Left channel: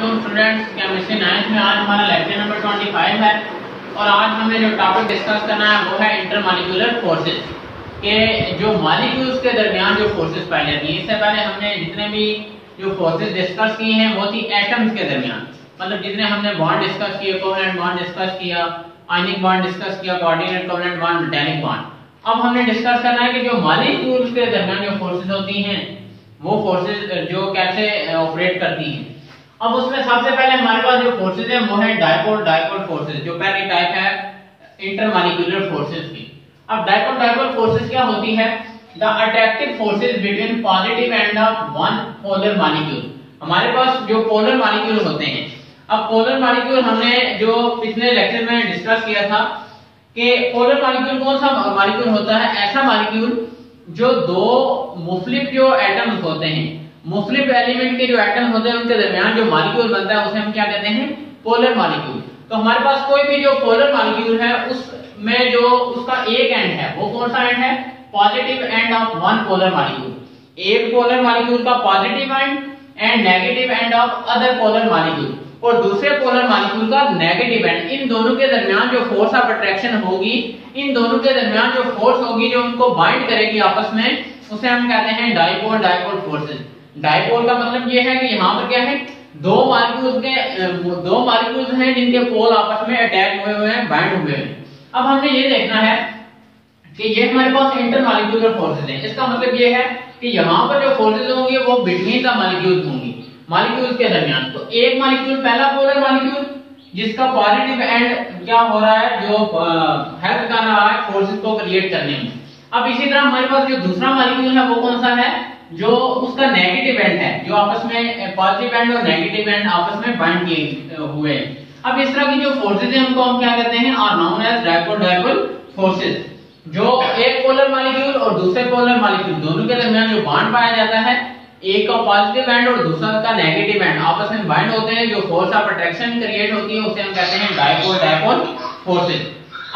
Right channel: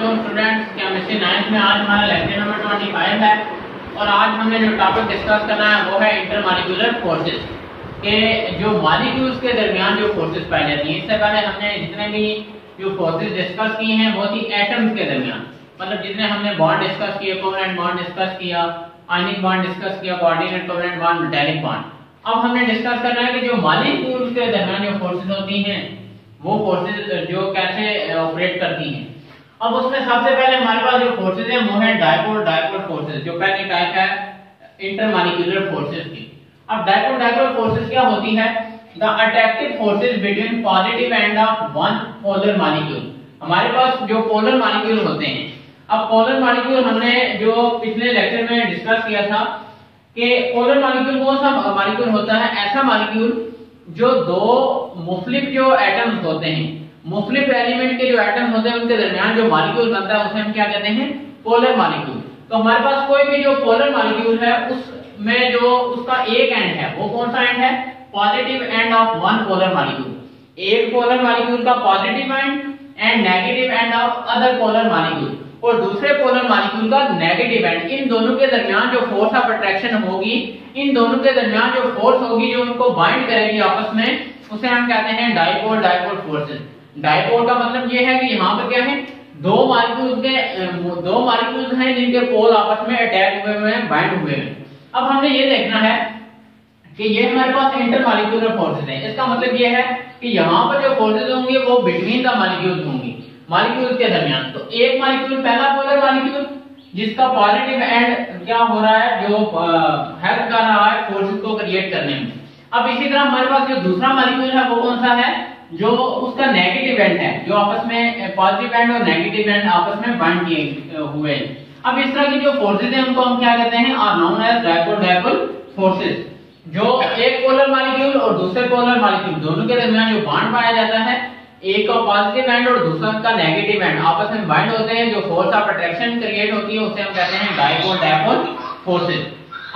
तो students chemistry 9th में आज हमारा लेक्चर नंबर 25 है और आज हमने जो टॉपिक डिस्कस करना है वो है इंटरमॉलिक्यूलर फोर्सेस के जो मॉलिक्यूल्स के दरमियान जो फोर्सेस पाई जाती हैं। इससे पहले हमने जितने भी जो फोर्सेस डिस्कस किए हैं वो थी एटम्स के दरमियान, मतलब जितने हमने बॉन्ड डिस्कस किए, कोवेलेंट बॉन्ड डिस्कस किया, आयनिक बॉन्ड डिस्कस किया, coordinate covalent bond, metallic bond. अब हमने डिस्कस करना है कि जो मॉलिक्यूल्स के दरमियान जो फोर्सेस होती हैं वो फोर्सेस जो कैसे ऑपरेट करती हैं। अब उसमें सबसे पहले हमारे पास जो फोर्सेस है वो है डाइपोल डाइपोल फोर्सेस, जो पहली टाइप है इंटरमॉलिक्यूलर फोर्सेस की। अब डाइपोल डाइपोल फोर्सेस क्या होती है? The attractive forces between positive end of one polar molecule. हमारे पास जो पोलर मॉलिक्यूल होते हैं, अब पोलर मॉलिक्यूल हमने जो पिछले लेक्चर में डिस्कस किया था कि पोलर मॉलिक्यूल कौन सा मॉलिक्यूल होता है? ऐसा मॉलिक्यूल जो दो मुख्तलिफ जो एटम्स होते हैं, मुख्तलिफ एलिमेंट के जो एटम्स होते हैं उनके दरमियान जो मॉलिक्यूल बनता है उसे हम क्या कहते हैं? Polar molecule. तो हमारे पास कोई भी जो पोलर मॉलिक्यूल है उसमें जो उसका एक एंड है वो कौन सा एंड है? Positive end of one polar molecule. एक पोलर मॉलिक्यूल का positive and negative end of other polar molecule, और दूसरे पोलर मॉलिक्यूल का नेगेटिव एंड। इन दोनों के दरमियान जो फोर्स ऑफ अट्रैक्शन होगी, इन दोनों के दरमियान जो फोर्स होगी जो उनको बाइंड करेगी आपस में, उसे हम कहते हैं डाइपोल डाइपोल फोर्सेस। डाइपोल का मतलब ये है कि यहाँ पर क्या है, दो मॉलिक्यूल्स हैं जिनके पोल आपस में अटैच हुए हैं, बाइंड हुए हैं। अब हमने ये देखना है कि ये हमारे पास इंटरमॉलिक्यूलर फोर्सेस हैं। इसका मतलब ये है कि यहाँ पर जो फोर्सेस होंगी वो बिटवीन द मॉलिक्यूल्स होंगी, मॉलिक्यूल्स के दरमियान। तो एक मॉलिक्यूल, पहला पोलर मॉलिक्यूल जिसका पॉजिटिव एंड क्या हो रहा है, जो हेल्प कर रहा है फोर्सेस को क्रिएट करने में। अब इसी तरह हमारे पास जो दूसरा मॉलिक्यूल है वो कौन सा है? जो उसका नेगेटिव एंड है, जो आपस में पॉजिटिव एंड और नेगेटिव एंड आपस में बाइंड किए हुए हैं। अब इस तरह की जो फोर्सेस हैं उनको हम क्या कहते हैं? Are known as dipole dipole forces. जो एक पोलर मॉलिक्यूल और दूसरे पोलर मॉलिक्यूल दोनों के दरमियान जो बॉन्ड पाया जाता है, एक का पॉजिटिव एंड और दूसरा का नेगेटिव एंड आपस में बाइंड होते हैं, जो फोर्स ऑफ अट्रैक्शन क्रिएट होती है उसे हम कहते हैं डाइपोल डाइपोल फोर्सेस।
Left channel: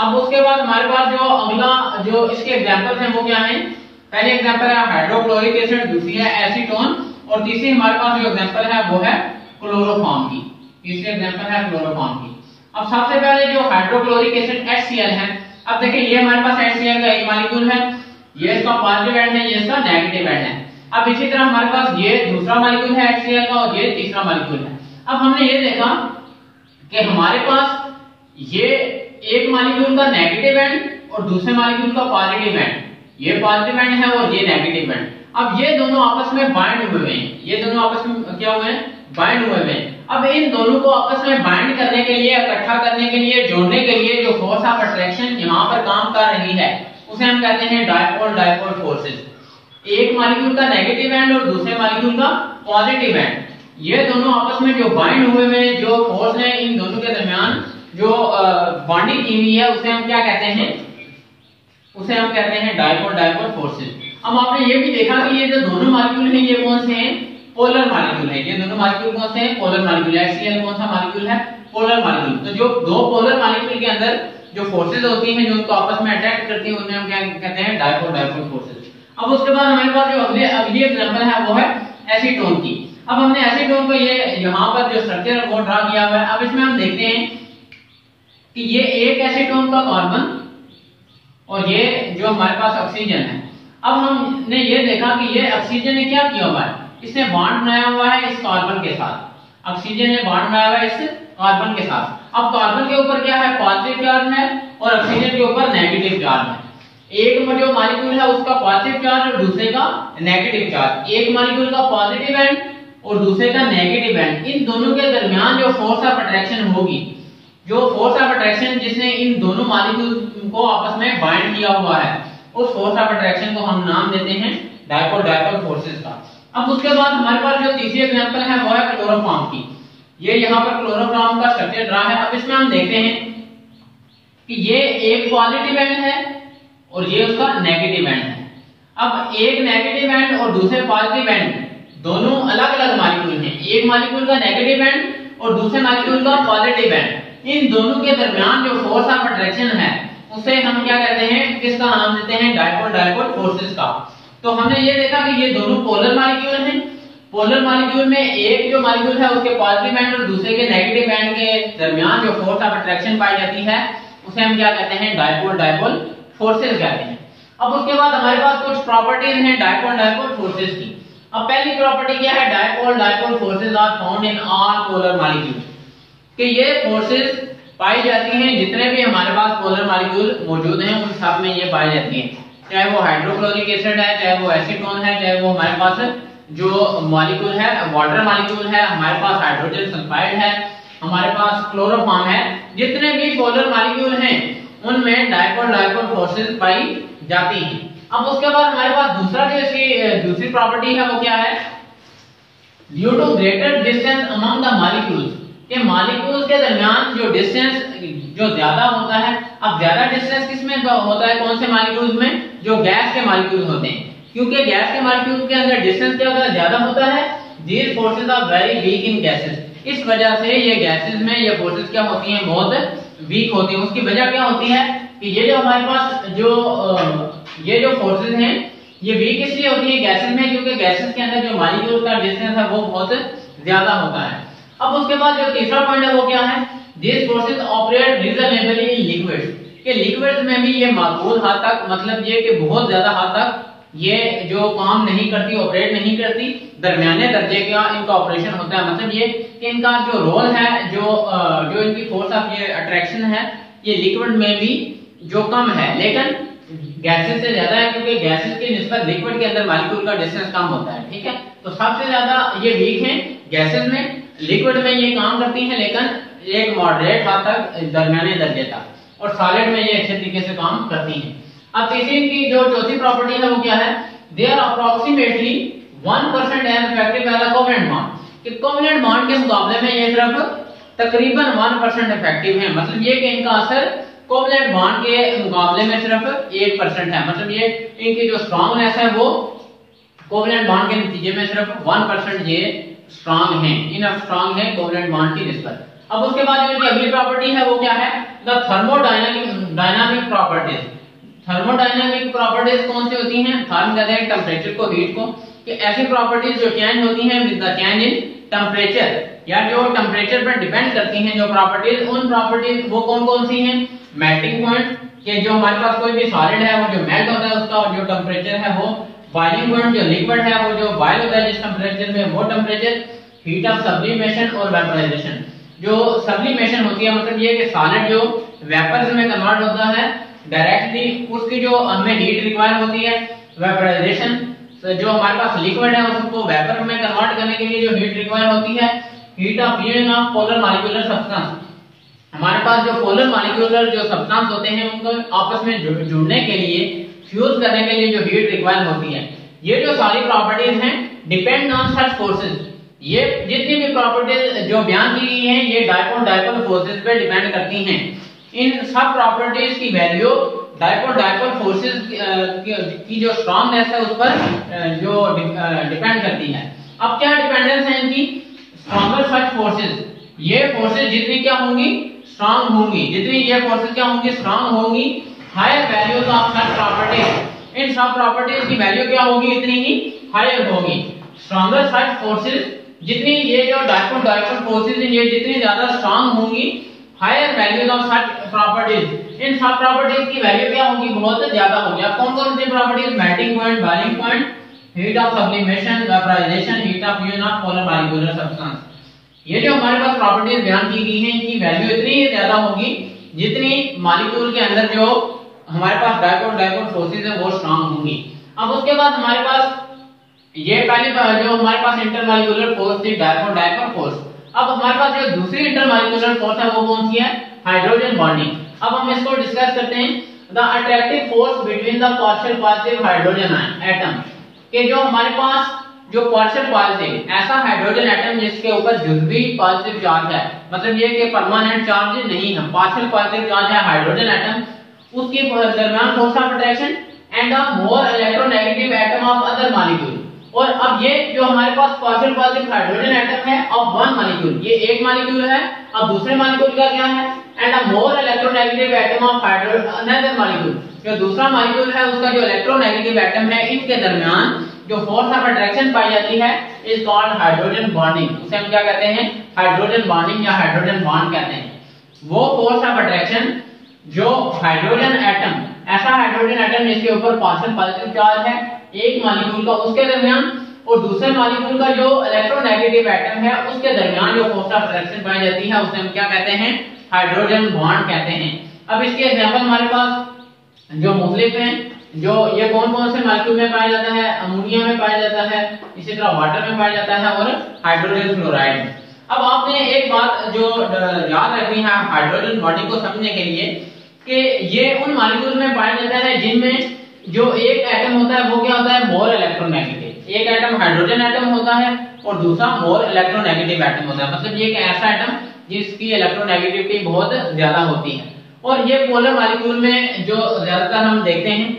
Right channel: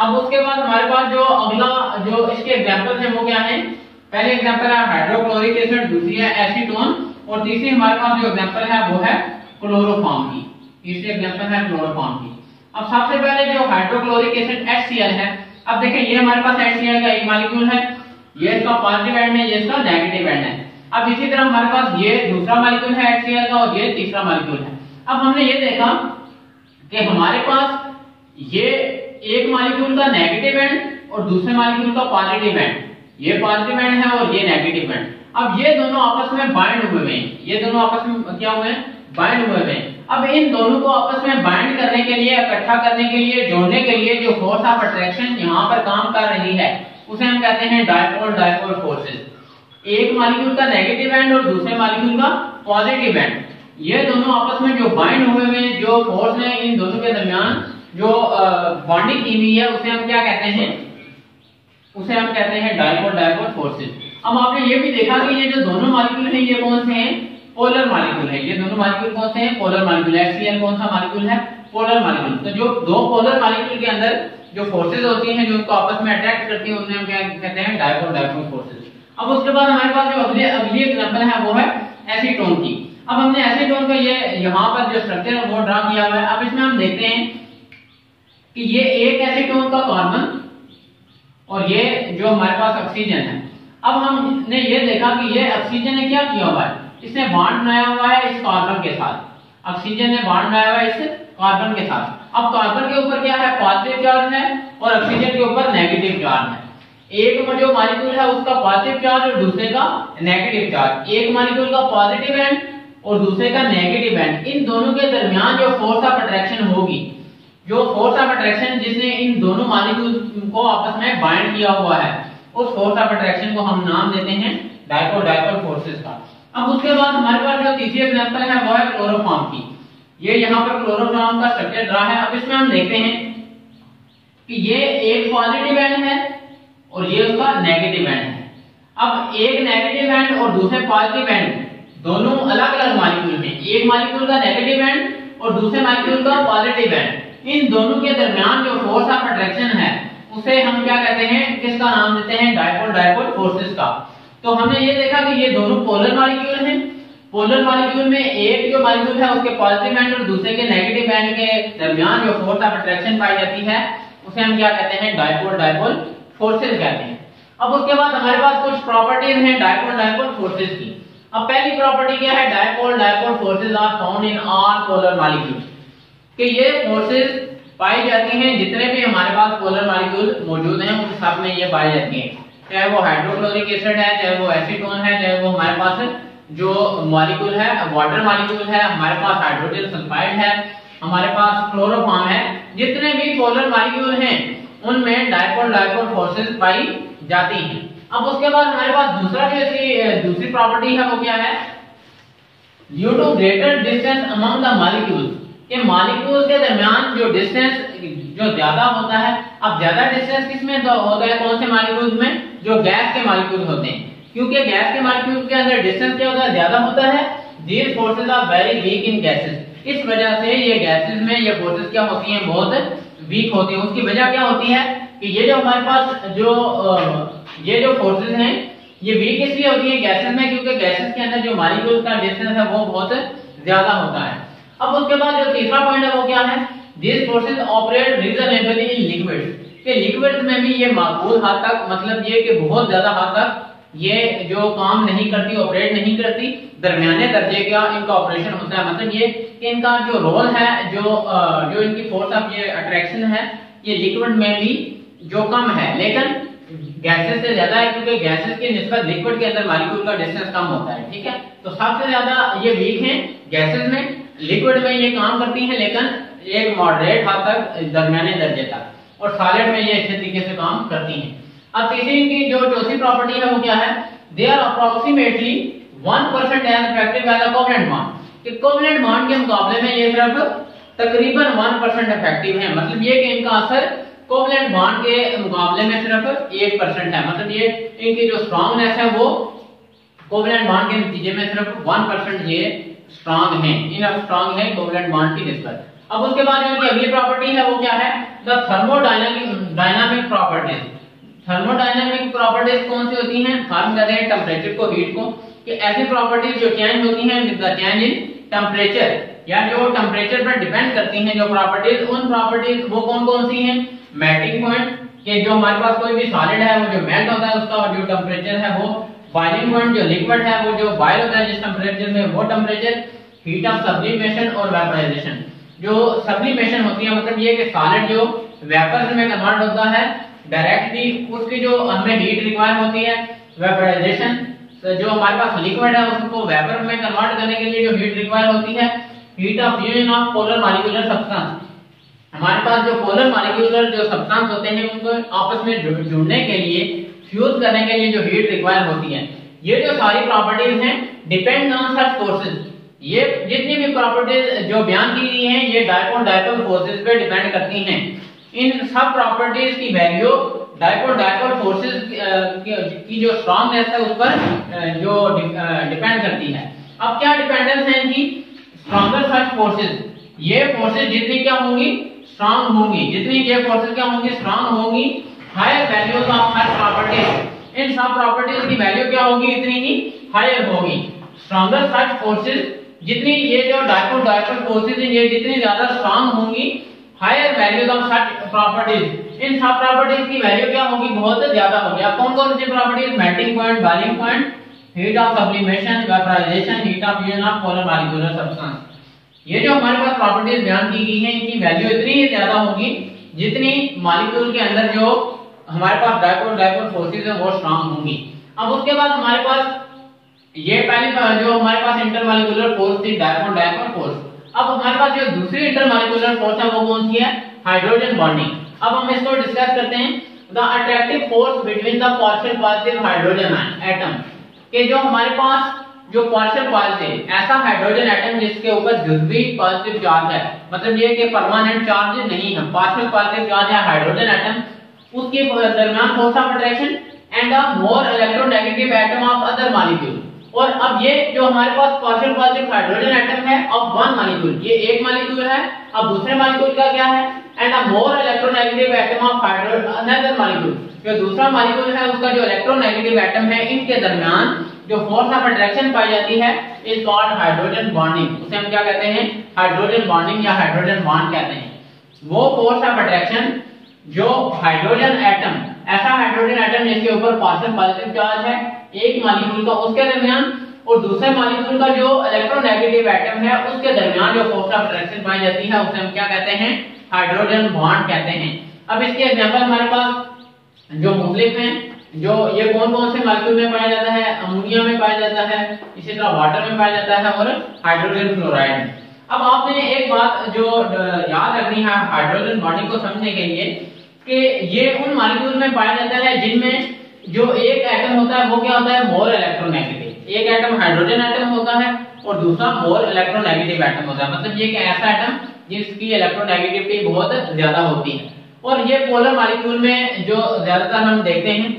अब उसके बाद हमारे पास जो अगला जो इसके एग्जांपल्स हैं वो क्या हैं? पहले एग्जांपल है हाइड्रोक्लोरिक एसिड, दूसरी है एसीटोन, और तीसरी हमारे पास जो एग्जांपल है वो है क्लोरोफॉर्म की। तीसरी एग्जांपल है क्लोरोफॉर्म की। अब सबसे पहले जो हाइड्रोक्लोरिक एसिड HCl है, अब देखिए ये हमारे पास HCl का एक मॉलिक्यूल है, ये इसका पॉजिटिव एंड है, ये इसका नेगेटिव एंड है। अब इसी तरह हमारे पास ये दूसरा मॉलिक्यूल है HCl का और ये तीसरा मॉलिक्यूल है। अब हमने ये देखा कि हमारे पास ये एक मॉलिक्यूल का नेगेटिव एंड और दूसरे मॉलिक्यूल का पॉजिटिव एंड, ये पॉजिटिव एंड है और ये नेगेटिव एंड। अब ये दोनों आपस में बाइंड हुए हैं, ये दोनों आपस में क्या हुए हैं? बाइंड हुए हैं। अब इन दोनों को आपस में बाइंड करने के लिए, इकट्ठा करने के लिए, जोड़ने के लिए जो फोर्स ऑफ अट्रैक्शन यहाँ पर काम कर रही है उसे हम कहते हैं डाइपोल डाइपोल फोर्सेस। एक मॉलिक्यूल का नेगेटिव एंड और दूसरे मॉलिक्यूल का पॉजिटिव एंड, ये दोनों आपस में जो बाइंड हुए हैं, जो फोर्स है इन दोनों के दरमियान जो बॉन्डिंग की हुई है उसे हम क्या कहते हैं? उसे हम कहते हैं डाइपोल डाइपोल फोर्सेस। अब आपने ये भी देखा कि ये जो दोनों मॉलिक्यूल हैं ये कौन से हैं? पोलर मॉलिक्यूल है। ये दोनों मॉलिक्यूल कौन से हैं? Polar molecule. HCl कौन सा मॉलिक्यूल है? Polar molecule. तो जो दो पोलर मॉलिक्यूल के अंदर जो फोर्सेस होती हैं जो उनको आपस में अट्रैक्ट करती हैं उन्हें हम क्या कहते हैं? Dipole dipole forces. अब उसके बाद हमारे पास जो अगली एग्जांपल है वो है एसीटोन की। अब हमने एसीटोन का ये यहाँ पर जो स्ट्रक्चर है वो ड्रा किया हुआ है। अब इसमें हम देखते हैं कि ये एक एसीटोन का कार्बन और ये जो हमारे पास ऑक्सीजन है। अब हमने ये देखा कि ये ऑक्सीजन ने क्या किया हुआ है? इसने बॉन्ड बनाया हुआ है इस कार्बन के साथ। ऑक्सीजन ने बॉन्ड बनाया हुआ है इस कार्बन के साथ। अब कार्बन के ऊपर क्या है? पॉजिटिव चार्ज है और ऑक्सीजन के ऊपर नेगेटिव चार्ज है। एक जो मॉलिक्यूल है उसका पॉजिटिव चार्ज और दूसरे का नेगेटिव चार्ज। एक मॉलिक्यूल का पॉजिटिव एंड और दूसरे का नेगेटिव एंड, इन दोनों के दरमियान जो फोर्स ऑफ अट्रैक्शन होगी, जो फोर्स ऑफ अट्रैक्शन जिसने इन दोनों मॉलिक्यूल को आपस में बाइंड किया हुआ है, उस फोर्स ऑफ अट्रैक्शन को हम नाम देते हैं डाइपोल डाइपोल फोर्सेस का। अब उसके बाद हमारे पास जो तीसरी एग्जांपल है वो है क्लोरोफॉर्म की। ये यहाँ पर क्लोरोफॉर्म का स्ट्रक्चर ड्रा है। अब इसमें हम देखते हैं कि ये एक पॉजिटिव एंड है और ये उसका नेगेटिव एंड है। अब एक नेगेटिव एंड और दूसरे पॉजिटिव एंड दोनों अलग अलग मॉलिक्यूल हैं। एक मॉलिक्यूल का नेगेटिव एंड और दूसरे मॉलिक्यूल का पॉजिटिव एंड, इन दोनों के दरमियान जो फोर्स ऑफ अट्रैक्शन है उसे हम क्या कहते हैं? किसका नाम देते हैं? डाइपोल डाइपोल फोर्सेस का। तो हमने ये देखा कि ये दोनों पोलर मॉलिक्यूल हैं पोलर मॉलिक्यूल में एक जो मॉलिक्यूल है उसके पॉजिटिव एंड और दूसरे के नेगेटिव एंड के दरमियान जो फोर्स ऑफ अट्रैक्शन पाई जाती है उसे हम क्या कहते हैं, डायपोल डायपोल फोर्सेस कहते हैं। अब उसके बाद हमारे पास कुछ प्रॉपर्टीज हैं डायपोल डायपोल फोर्सेस की। अब पहली प्रॉपर्टी क्या है, dipole dipole forces are found in all polar molecule, कि ये फोर्सेस पाई जाती हैं जितने भी हमारे पास पोलर मॉलिक्यूल मौजूद हैं उन सब में ये पाई जाती हैं, चाहे वो हाइड्रोक्लोरिक एसिड है, चाहे वो एसीटोन है, चाहे वो हमारे पास जो मॉलिक्यूल है वाटर मॉलिक्यूल है, हमारे पास हाइड्रोजन सल्फाइड है, हमारे पास क्लोरोफॉर्म है, जितने भी पोलर मॉलिक्यूल हैं उनमें डायपोल डायपोल फोर्सेस पाई जाती हैं। अब उसके बाद हमारे पास दूसरी प्रॉपर्टी है वो क्या है, due to greater distance among the molecules, के मॉलिक्यूल्स के दरमियान जो डिस्टेंस जो ज्यादा होता है। अब ज्यादा डिस्टेंस किसमें होता है, कौन से मॉलिक्यूल्स में, जो गैस के मॉलिक्यूल होते हैं, क्योंकि गैस के मॉलिक्यूल के अंदर डिस्टेंस क्या होता है, ज्यादा होता है। These forces are very weak in gases, इस वजह से ये गैसेस में ये फोर्सेस क्या होती हैं, बहुत वीक होती हैं। उसकी वजह क्या होती है कि ये जो हमारे पास ये जो फोर्सेस हैं ये वीक इसलिए होती है गैसेस में, क्योंकि गैसेस के अंदर जो मॉलिक्यूल का डिस्टेंस है वो बहुत ज्यादा होता है। अब उसके बाद जो तीसरा पॉइंट है वो क्या है, these forces operate reasonably in liquids, कि लिक्विड्स में भी ये माकूल हद तक, मतलब ये कि बहुत ज्यादा हद तक ये जो काम नहीं करती, ऑपरेट नहीं करती, दरमियाने दर्जे का इनका ऑपरेशन होता है। मतलब ये कि इनका जो रोल है, जो इनकी फोर्स ऑफ ये अट्रैक्शन है ये लिक्विड में भी जो कम है, लेकिन गैसेस से ज्यादा है, क्योंकि गैसेस की निस्बत लिक्विड के अंदर मॉलिक्यूल का डिस्टेंस कम होता है। ठीक है, तो सबसे ज्यादा ये वीक है गैसेस में, लिक्विड में ये काम करती हैं लेकिन एक मॉडरेट हद तक, दरमियाने दर्जे तक, और सॉलिड में ये अच्छे तरीके से काम करती हैं। अब तीसरी की जो चौथी प्रॉपर्टी है वो क्या है, they are approximately 1% as effective as a covalent bond, कि कोवेलेंट बॉन्ड के मुकाबले में ये सिर्फ तकरीबन 1% इफेक्टिव है। मतलब ये कि इनका असर कोवेलेंट बॉन्ड के मुकाबले में सिर्फ 1% है। मतलब ये इनकी जो स्ट्रांगनेस है वो कोवेलेंट बॉन्ड के नतीजे में सिर्फ 1% ये स्ट्रांग है, इनफ स्ट्रांग है कोवेलेंट बॉन्ड की निस्बत। अब उसके बाद इनकी अगली प्रॉपर्टी है वो क्या है, the thermodynamic properties. Thermodynamic properties कौन सी होती हैं, थर्म कहते हैं टेंपरेचर को, हीट को, कि ऐसी प्रॉपर्टीज जो चेंज होती हैं with the change in temperature, या जो टेंपरेचर पर डिपेंड करती हैं जो प्रॉपर्टीज, उन प्रॉपर्टीज वो कौन कौन सी हैं, मेल्टिंग पॉइंट, कि जो हमारे पास कोई भी सॉलिड है वो जो मेल्ट होता है उसका जो टेंपरेचर है वो, बॉइलिंग पॉइंट जो लिक्विड है वो जो बॉयल होता है जिस टेंपरेचर में वो टेंपरेचर, हीट ऑफ सब्लिमेशन और वेपराइजेशन। जो सब्लिमेशन होती है मतलब ये कि सॉलिड जो वेपर्स में कन्वर्ट होता है डायरेक्टली, उसकी जो हमें हीट रिक्वायर होती है। वेपराइजेशन जो हमारे पास लिक्विड है उसको वेपर में कन्वर्ट करने के लिए जो हीट रिक्वायर होती है। Heat of fusion of polar molecular substance, हमारे पास जो पोलर मॉलिक्यूलर जो सब्सटेंस होते हैं उनको आपस में जुड़ने के लिए, फ्यूज करने के लिए जो हीट रिक्वायर होती है, ये जो सारी प्रॉपर्टीज हैं डिपेंड ऑन सच फोर्सेस। ये जितनी भी प्रॉपर्टीज जो बयान की गई हैं ये डायपोल डायपोल फोर्सेस पे डिपेंड करती हैं। इन सब प्रॉपर्टीज की वैल्यू डायपोल डायपोल फोर्सेस की जो स्ट्रांगनेस है उस पर जो डिपेंड करती है। अब क्या डिपेंडेंस है इनकी, स्ट्रॉन्गर सच फोर्सेस, ये फोर्सेस जितनी क्या होंगी, स्ट्रांग होंगी, जितनी ये फोर्सेस क्या होंगी, स्ट्रांग होंगी, higher values of such properties, इन सब प्रॉपर्टीज की वैल्यू क्या होगी, इतनी ही हायर होगी। स्ट्रॉन्गर सच फोर्सेस, जितनी ये जो डायपोल डायपोल फोर्सेस हैं ये जितनी ज्यादा स्ट्रांग होंगी, higher values of such properties, इन सब प्रॉपर्टीज की वैल्यू क्या होगी, बहुत ज्यादा होगी। अब कौन कौन सी properties, melting point, boiling point, heat of sublimation, vaporization, heat of fusion of polar molecular substance, ये जो हमारे पास प्रॉपर्टीज बयान की गई हैं इनकी वैल्यू इतनी ही ज्यादा होगी जितनी मॉलिक्यूल के अंदर जो हमारे पास डायपोल डायपोल फोर्सेस है वो स्ट्रांग होंगी। अब उसके बाद हमारे पास ये पहली जो हमारे पास इंटरमॉलिक्यूलर फोर्स थी, डायपोल डायपोल फोर्स। अब हमारे पास जो दूसरी इंटरमॉलिक्यूलर फोर्स है वो कौन सी है, हाइड्रोजन बॉन्डिंग। अब हम इसको डिस्कस करते हैं, the attractive force between the partial positive hydrogen atom, के जो हमारे पास जो पार्शियल पॉजिटिव ऐसा हाइड्रोजन एटम जिसके ऊपर जुज़वी पॉजिटिव चार्ज है, मतलब ये कि परमानेंट चार्ज नहीं है, पार्शियल पॉजिटिव चार्ज है हाइड्रोजन एटम, उसके दरमियान force of attraction and a more electronegative atom of other molecule. और अब ये जो हमारे पास पार्शियल पॉजिटिव हाइड्रोजन एटम है ऑफ वन मॉलिक्यूल, ये एक मॉलिक्यूल है, अब दूसरे मॉलिक्यूल का क्या है, and a more electronegative atom of another molecule, जो दूसरा मॉलिक्यूल है उसका जो इलेक्ट्रोनेगेटिव एटम है, इनके दरमियान जो फोर्स ऑफ अट्रैक्शन पाई जाती है इज कॉल्ड हाइड्रोजन बॉन्डिंग। उसे हम क्या कहते हैं? हाइड्रोजन बॉन्डिंग या हाइड्रोजन बॉन्ड कहते हैं। वो फोर्स ऑफ अट्रैक्शन जो हाइड्रोजन एटम, ऐसा हाइड्रोजन एटम जिसके ऊपर पार्शियल पॉजिटिव चार्ज है एक मॉलिक्यूल का, उसके दरमियान और दूसरे मॉलिक्यूल का जो इलेक्ट्रोनेगेटिव एटम है उसके दरमियान जो फोर्स ऑफ अट्रैक्शन पाई जाती है उसे हम क्या कहते हैं? हाइड्रोजन बॉन्ड कहते हैं। अब इसके एग्जांपल हमारे पास जो मुख्तलिफ हैं, जो ये कौन कौन से मॉलिक्यूल में पाया जाता है? अमोनिया में पाया जाता है, इसी तरह वाटर में पाया जाता है और हाइड्रोजन फ्लोराइड में। अब आपने एक बात जो याद रखनी है हाइड्रोजन बॉन्डिंग को समझने के लिए कि ये उन मॉलिक्यूल में पाया जाता है जिनमें जो एक एटम होता है वो क्या होता है? More electronegative. एक एटम हाइड्रोजन एटम होता है और दूसरा मोर इलेक्ट्रोनेगेटिव एटम होता है। मतलब ये एक ऐसा एटम जिसकी इलेक्ट्रोनेगेटिविटी बहुत ज्यादा होती है। और ये पोलर मॉलिक्यूल में जो ज्यादातर हम देखते हैं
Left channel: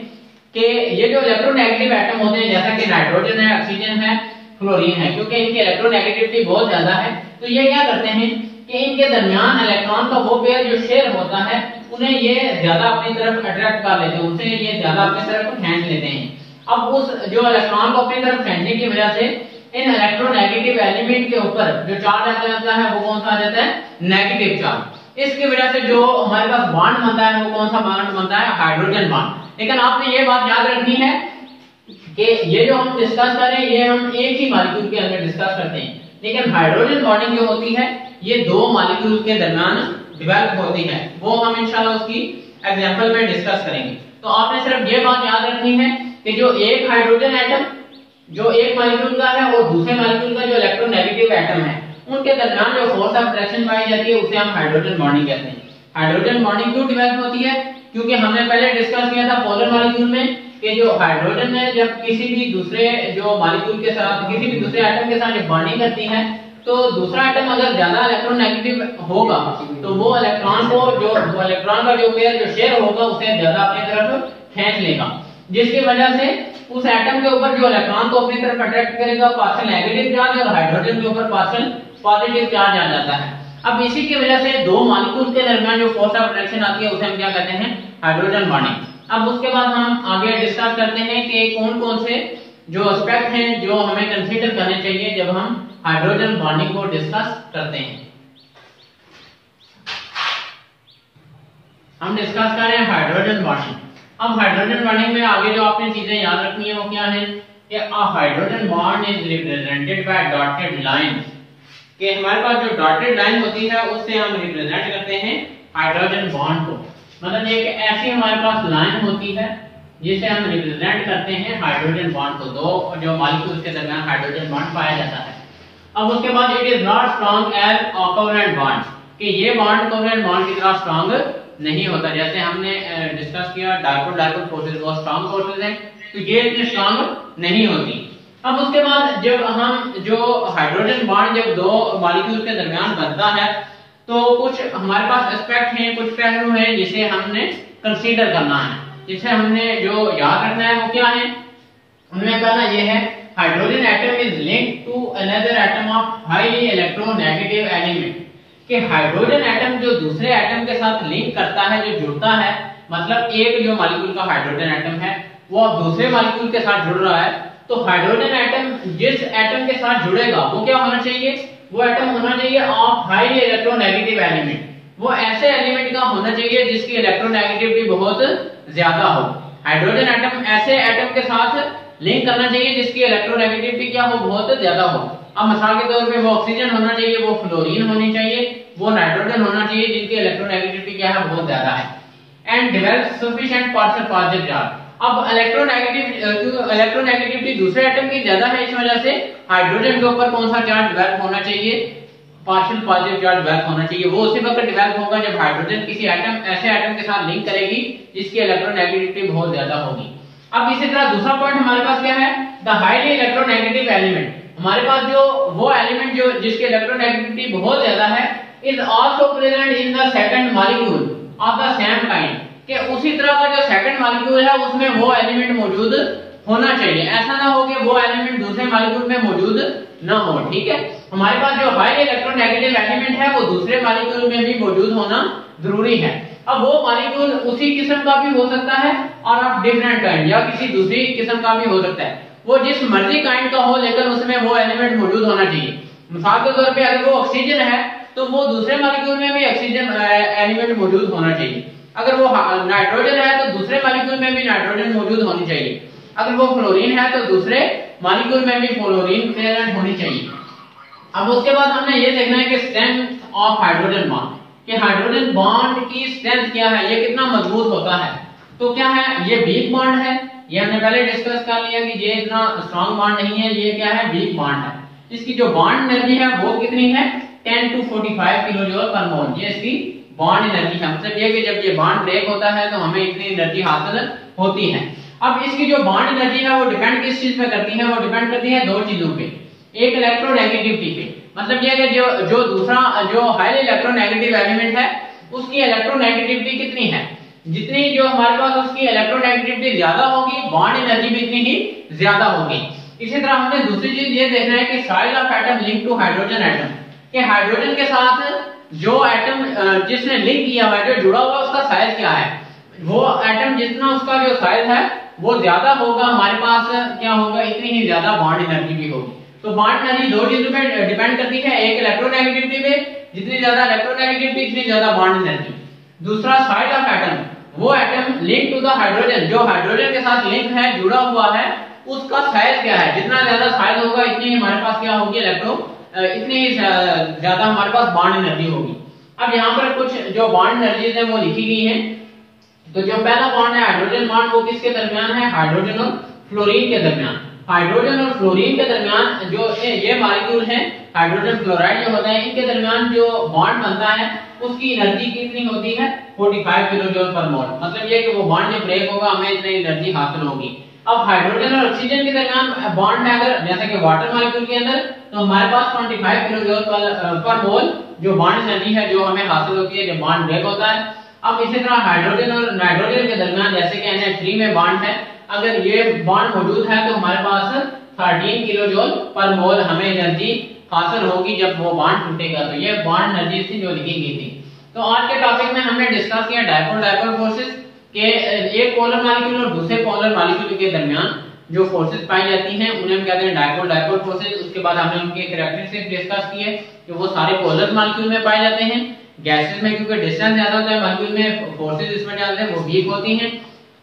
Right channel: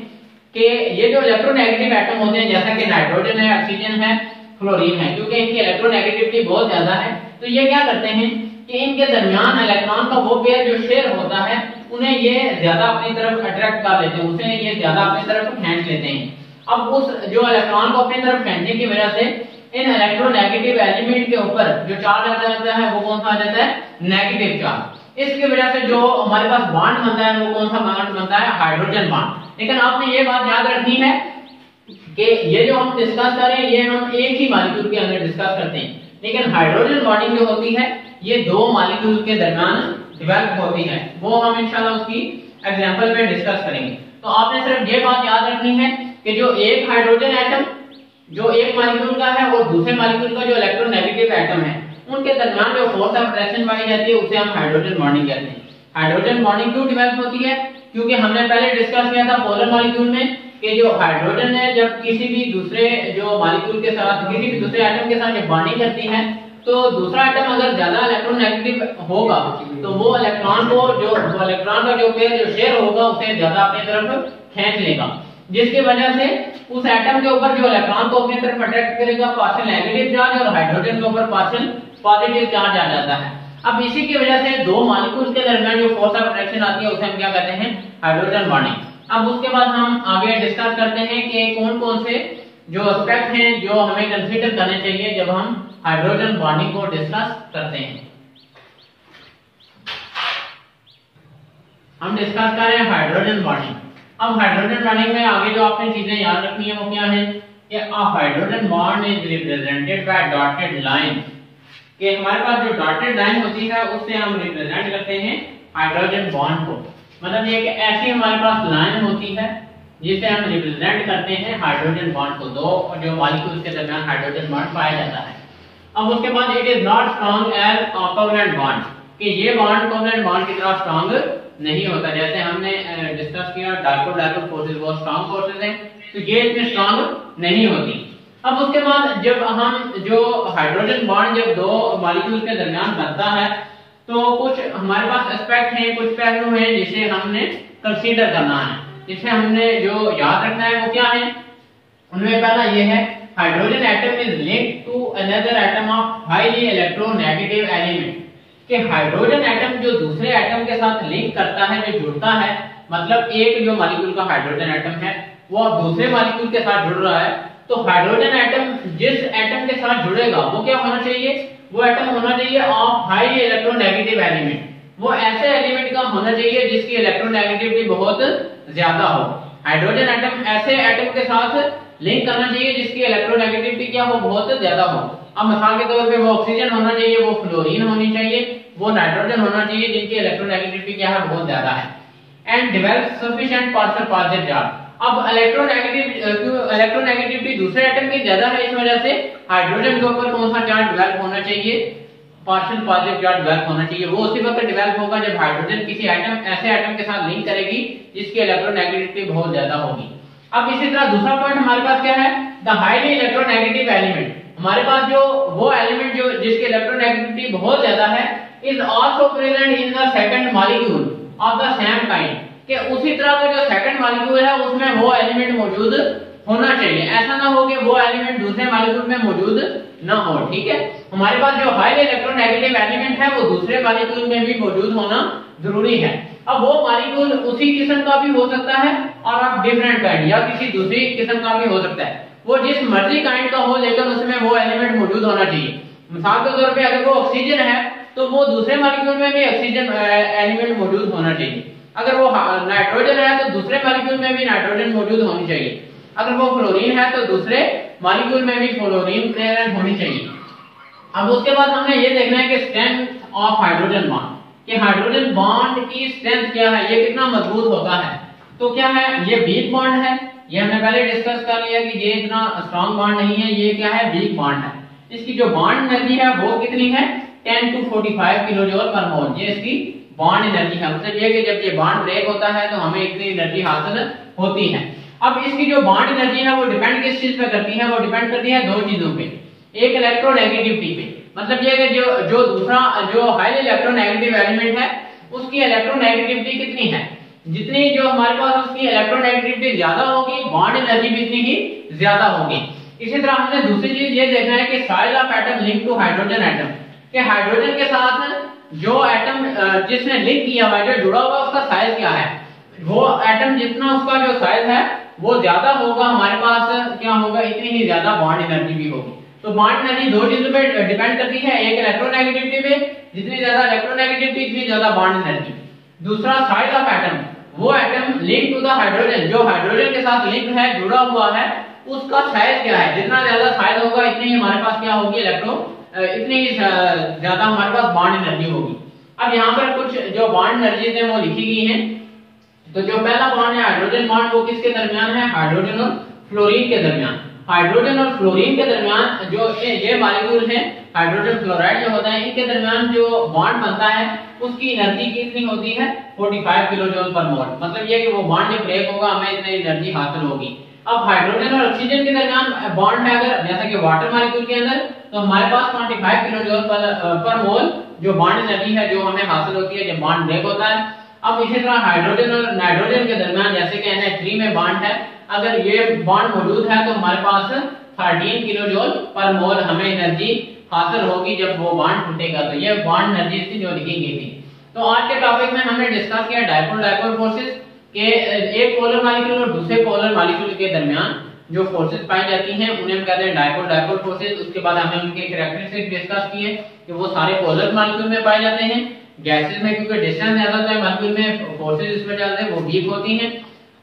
कि ये जो इलेक्ट्रोनेगेटिव एटम होते हैं जैसा कि नाइट्रोजन है, ऑक्सीजन है, फ्लोरीन है, क्योंकि इनकी इलेक्ट्रोनेगेटिविटी बहुत ज्यादा है तो ये क्या करते हैं कि इनके दरमियान इलेक्ट्रॉन का वो पेयर जो शेयर होता है उन्हें ये ज्यादा अपनी तरफ अट्रैक्ट कर लेते हैं, उसे ये ज्यादा अपनी तरफ खींच लेते हैं। अब उस जो इलेक्ट्रॉन को अपनी तरफ खींचने की वजह से इन इलेक्ट्रोनेगेटिव एलिमेंट के ऊपर जो चार्ज आता है वो कौन सा आ जाता है? Negative charge. इसकी वजह से जो हमारे पास बॉन्ड बनता है वो कौन सा बॉन्ड बनता है? Hydrogen bond. लेकिन आपने ये बात याद रखनी है कि ये जो हम डिस्कस कर रहे हैं ये हम एक ही मॉलिक्यूल के अंदर डिस्कस करते हैं, लेकिन हाइड्रोजन बॉन्डिंग जो होती है ये दो मॉलिक्यूल के दरमियान डेवलप होती है। वो हम इंशाल्लाह उसकी एग्जांपल में डिस्कस करेंगे। तो आपने सिर्फ ये बात याद रखनी है कि जो एक हाइड्रोजन एटम जो एक मॉलिक्यूल का है और दूसरे मॉलिक्यूल का जो इलेक्ट्रोनेगेटिव एटम है उनके दरमियान जो फोर्स ऑफ अट्रैक्शन पाई जाती है उसे हम हाइड्रोजन बॉन्डिंग कहते हैं। हाइड्रोजन बॉन्डिंग क्यों डेवलप होती है? क्योंकि हमने पहले डिस्कस किया था पोलर मॉलिक्यूल में कि जो हाइड्रोजन है जब किसी भी दूसरे जो मॉलिक्यूल के साथ किसी भी दूसरे एटम के साथ जब बॉन्डिंग करती है तो दूसरा एटम अगर ज्यादा इलेक्ट्रोनेगेटिव होगा तो वो इलेक्ट्रॉन को जो इलेक्ट्रॉन का जो पेयर जो शेयर होगा उसे ज्यादा अपनी तरफ खींच लेगा, जिसकी वजह से उस एटम के ऊपर जो इलेक्ट्रॉन को अपनी तरफ अट्रैक्ट करेगा पार्शियल नेगेटिव चार्ज और हाइड्रोजन के ऊपर पार्शियल पॉजिटिव चार्ज आ जाता है। अब इसी की वजह से दो मॉलिक्यूल के दरमियान जो फोर्स ऑफ अट्रैक्शन आती है उसे हम क्या कहते हैं? Hydrogen bonding. अब उसके बाद हम आगे डिस्कस करते हैं कि कौन कौन से जो एस्पेक्ट हैं जो हमें कंसीडर करने चाहिए जब हम हाइड्रोजन बॉन्डिंग को डिस्कस करते हैं। हम डिस्कस कर रहे हैं हाइड्रोजन बॉन्डिंग। अब हाइड्रोजन बॉन्डिंग में आगे जो आपने चीजें याद रखनी है वो क्या है कि a hydrogen bond is represented by dotted lines, कि हमारे पास जो डॉटेड लाइन होती है उससे हम रिप्रेजेंट करते हैं हाइड्रोजन बॉन्ड को। मतलब ये ऐसी हमारे पास लाइन होती है जिसे हम रिप्रेजेंट करते हैं हाइड्रोजन बॉन्ड को, दो जो मॉलिक्यूल के दरमियान हाइड्रोजन बॉन्ड पाया जाता है। अब उसके बाद it is not strong as covalent bond, कि ये बॉन्ड कोवलेंट बॉन्ड की तरह स्ट्रॉन्ग नहीं होता। जैसे हमने डिस्कस किया डायपोल डायपोल फोर्सेस वो स्ट्रॉन्ग फोर्सेस हैं तो ये इतनी स्ट्रॉन्ग नहीं होती। अब उसके बाद जब हम जो हाइड्रोजन बॉन्ड जब दो मॉलिक्यूल के दरमियान बनता है तो कुछ हमारे पास एस्पेक्ट हैं, कुछ पहलू हैं जिसे हमने कंसीडर करना है, जिसे हमने जो याद रखना है वो क्या है? उनमें पहला ये है hydrogen atom is linked to another atom of highly electronegative element, कि हाइड्रोजन एटम जो दूसरे एटम के साथ लिंक करता है, जो जुड़ता है, मतलब एक जो मॉलिक्यूल का हाइड्रोजन एटम है वो दूसरे मॉलिक्यूल के साथ जुड़ रहा है, तो हाइड्रोजन एटम जिस एटम के साथ जुड़ेगा वो क्या होना चाहिए? वो एटम होना चाहिए ऑफ हाई इलेक्ट्रोनेगेटिव एलिमेंट। वो ऐसे एलिमेंट का होना चाहिए जिसकी इलेक्ट्रोनेगेटिविटी बहुत ज्यादा हो। हाइड्रोजन एटम ऐसे एटम के साथ लिंक करना चाहिए जिसकी इलेक्ट्रोनेगेटिविटी क्या हो? बहुत ज्यादा हो। अब मिसाल के तौर पे वो ऑक्सीजन होना चाहिए, वो फ्लोरीन होनी चाहिए, वो नाइट्रोजन होना चाहिए जिनकी इलेक्ट्रोनेगेटिविटी क्या है? बहुत ज्यादा है। And develop sufficient partial positive charge. अब इलेक्ट्रोनेगेटिविटी दूसरे एटम की ज्यादा है, इस वजह से हाइड्रोजन के ऊपर कौन सा चार्ज डेवलप होना चाहिए? पार्शियल पॉजिटिव चार्ज डेवलप होना चाहिए। वो उसी वक्त डेवलप होगा जब हाइड्रोजन किसी ऐसे एटम के साथ लिंक करेगी जिसकी इलेक्ट्रोनेगेटिविटी बहुत ज्यादा होगी। अब इसी तरह दूसरा पॉइंट हमारे पास क्या है? The highly electronegative element. हमारे पास जो वो एलिमेंट जो जिसकी इलेक्ट्रोनेगेटिविटी बहुत ज्यादा है is also present in the second molecule of the same kind, कि उसी तरह का जो सेकंड मॉलिक्यूल है उसमें वो एलिमेंट मौजूद होना चाहिए। ऐसा ना हो कि वो एलिमेंट दूसरे मॉलिक्यूल में मौजूद ना हो। ठीक है, हमारे पास जो हाई इलेक्ट्रोनेगेटिव एलिमेंट है वो दूसरे मॉलिक्यूल में भी मौजूद होना जरूरी है। अब वो मॉलिक्यूल उसी किस्म का भी हो सकता है और ऑफ डिफरेंट काइंड, या किसी दूसरी किस्म का भी हो सकता है। वो जिस मर्जी काइंड का हो लेकिन उसमें वो एलिमेंट मौजूद होना चाहिए। मिसाल के तौर पे अगर वो ऑक्सीजन है तो वो दूसरे मॉलिक्यूल में भी ऑक्सीजन एलिमेंट मौजूद होना चाहिए। अगर वो नाइट्रोजन है तो दूसरे मॉलिक्यूल में भी नाइट्रोजन मौजूद होनी चाहिए। अगर वो फ्लोरीन है तो दूसरे मॉलिक्यूल में भी फ्लोरीन प्रेजेंट होनी चाहिए। अब उसके बाद हमने ये देखना है कि स्ट्रेंथ ऑफ हाइड्रोजन बॉन्ड, कि हाइड्रोजन बॉन्ड की स्ट्रेंथ क्या है, ये कितना मजबूत होता है। तो क्या है, ये वीक बॉन्ड है, ये हमने पहले डिस्कस कर लिया कि ये इतना स्ट्रॉन्ग बॉन्ड नहीं है, ये क्या है, वीक बॉन्ड है। इसकी जो बॉन्ड एनर्जी है वो कितनी है, 10 to 45 किलो जूल पर मोल, ये इसकी बॉन्ड एनर्जी है। मतलब ये कि जब ये बॉन्ड ब्रेक होता है तो हमें इतनी एनर्जी हासिल होती है। अब इसकी जो बॉन्ड एनर्जी है वो डिपेंड किस चीज पे करती है, वो डिपेंड करती है दो चीजों पे, एक इलेक्ट्रोनेगेटिविटी पे, मतलब ये कि जो दूसरा जो हाईली इलेक्ट्रोनेगेटिव एलिमेंट है उसकी इलेक्ट्रोनेगेटिविटी कितनी है, जितनी जो हमारे पास उसकी इलेक्ट्रोनेगेटिविटी ज्यादा होगी बॉन्ड एनर्जी भी इतनी ही ज्यादा होगी। इसी तरह हमने दूसरी चीज ये देखना है कि size of atom link to hydrogen atom, कि हाइड्रोजन के साथ जो एटम जिसने लिंक किया हुआ है, जो जुड़ा हुआ, उसका साइज क्या है। वो एटम जितना उसका जो साइज है वो ज्यादा होगा, हमारे पास क्या होगा, इतनी ही ज्यादा बॉन्ड एनर्जी भी होगी। तो बॉन्ड एनर्जी दो चीजों पे डिपेंड करती है, एक इलेक्ट्रोनेगेटिविटी पे, जितनी ज्यादा इलेक्ट्रोनेगेटिविटी इतनी ज्यादा बॉन्ड एनर्जी। दूसरा साइज ऑफ एटम, वो atom link to the hydrogen, जो हाइड्रोजन के साथ लिंक है, जुड़ा हुआ है, उसका साइज क्या है। जितना ज्यादा साइज होगा इतनी ही हमारे पास क्या होगी, इतनी ही ज्यादा हमारे पास बॉन्ड एनर्जी होगी। अब यहाँ पर कुछ जो बॉन्ड एनर्जीज है वो लिखी गई है। तो जो पहला बॉन्ड है हाइड्रोजन बॉन्ड, वो किसके दरमियान है, हाइड्रोजन और फ्लोरीन के दरमियान। हाइड्रोजन और फ्लोरीन के दरमियान जो ये मॉलिक्यूल है, हाइड्रोजन फ्लोराइड जो होता है, इनके दरमियान जो बॉन्ड बनता है उसकी एनर्जी कितनी होती है, 45 किलो जूल पर मोल। मतलब ये कि वो बॉन्ड जब ब्रेक होगा हमें इतनी एनर्जी हासिल होगी। अब हाइड्रोजन और ऑक्सीजन के दरमियान बॉन्ड है, अगर जैसा कि वाटर मॉलिक्यूल के अंदर, तो हमारे पास 25 किलो जूल पर मोल जो बॉन्ड एनर्जी है जो हमें हासिल होती है जब बॉन्ड ब्रेक होता है। अब इसी तरह हाइड्रोजन और नाइट्रोजन के दरमियान जैसे कि NH3 में बॉन्ड है, अगर ये बॉन्ड मौजूद है तो हमारे पास 13 किलो जूल पर मोल हमें एनर्जी हासिल होगी जब वो बॉन्ड टूटेगा। तो ये बॉन्ड एनर्जी थी जो लिखी गई थी। तो आज के टॉपिक में हमने डिस्कस किया डायपोल फोर्सेस के, एक पोलर मॉलिक्यूल और दूसरे पोलर मॉलिक्यूल के दरमियान जो फोर्सेस पाई जाती हैं उन्हें हम कहते हैं डायपोल फोर्सेस। उसके बाद हमने उनके कैरेक्टरिस्टिक्स डिस्कस किए कि वो सारे पोलर मॉलिक्यूल में पाए जाते हैं। गैसेस में क्योंकि डिस्टेंस ज्यादा होता है मॉलिक्यूल में, फोर्सेस इसमें ज्यादा है, वो वीक होती हैं।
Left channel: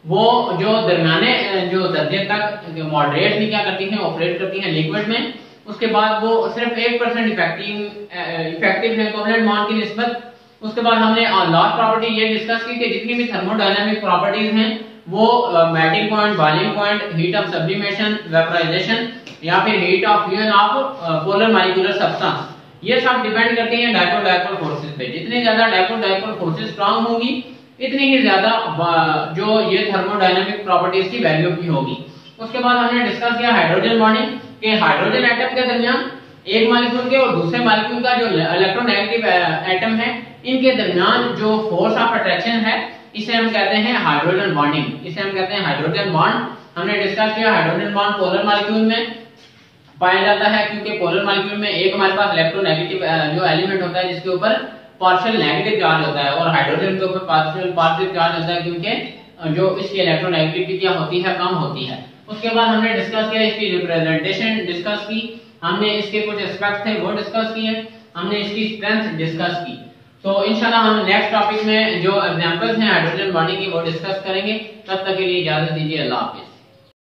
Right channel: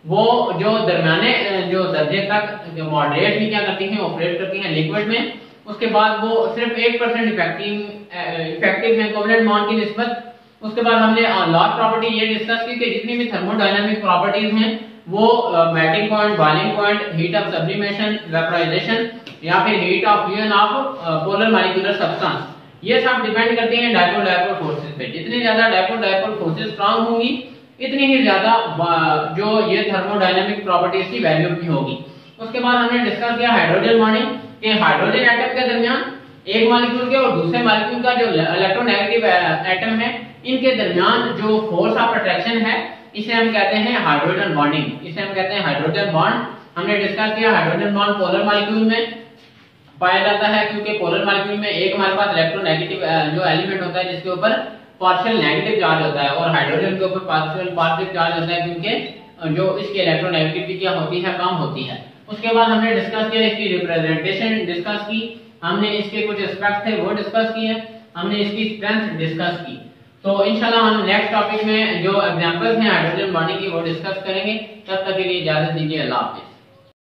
वो जो दरमियाने जो दर्जे तक मॉडरेट भी क्या करती हैं, ऑपरेट करती हैं लिक्विड में। उसके बाद वो सिर्फ 1% इफेक्टिव है कोवलेंट बॉन्ड की निस्बत। उसके बाद हमने लास्ट प्रॉपर्टी ये डिस्कस की कि जितनी भी थर्मोडायनामिक प्रॉपर्टीज हैं वो melting point, boiling point, heat of sublimation, vaporisation या फिर heat of fusion of polar molecular substance, ये सब डिपेंड करते हैं डायपोल फोर्सेस पे। जितनी ज्यादा डायपोल फोर्सेस स्ट्रांग होगी इतनी ही ज्यादा जो ये थर्मोडायनामिक प्रॉपर्टीज की वैल्यू भी होगी। उसके बाद हमने डिस्कस किया हाइड्रोजन बॉन्डिंग, कि हाइड्रोजन एटम के दरमियान एक मॉलिक्यूल के और दूसरे मॉलिक्यूल का जो इलेक्ट्रोनेगेटिव एटम है, इनके दरमियान जो फोर्स ऑफ अट्रैक्शन है इसे हम कहते हैं हाइड्रोजन बॉन्डिंग, इसे हम कहते हैं हाइड्रोजन बॉन्ड। हमने डिस्कस किया हाइड्रोजन बॉन्ड पोलर मॉलिक्यूल में पाया जाता है, क्योंकि पोलर मॉलिक्यूल में एक हमारे पास इलेक्ट्रोनेगेटिव जो एलिमेंट होता है जिसके ऊपर पार्शियल नेगेटिव चार्ज होता है, और हाइड्रोजन के ऊपर पार्शियल चार्ज होता है क्योंकि जो इसकी इलेक्ट्रोनेगेटिविटी क्या होती है, कम होती है। उसके बाद हमने डिस्कस किया इसकी रिप्रेजेंटेशन डिस्कस की, हमने इसके कुछ एस्पेक्ट थे वो डिस्कस किए, हमने इसकी स्ट्रेंथ डिस्कस की। तो इंशाल्लाह हम नेक्स्ट टॉपिक में जो एग्जांपल्स हैं हाइड्रोजन बॉन्डिंग की वो डिस्कस करेंगे। तब तक के लिए इजाजत दीजिए, अल्लाह हाफिज।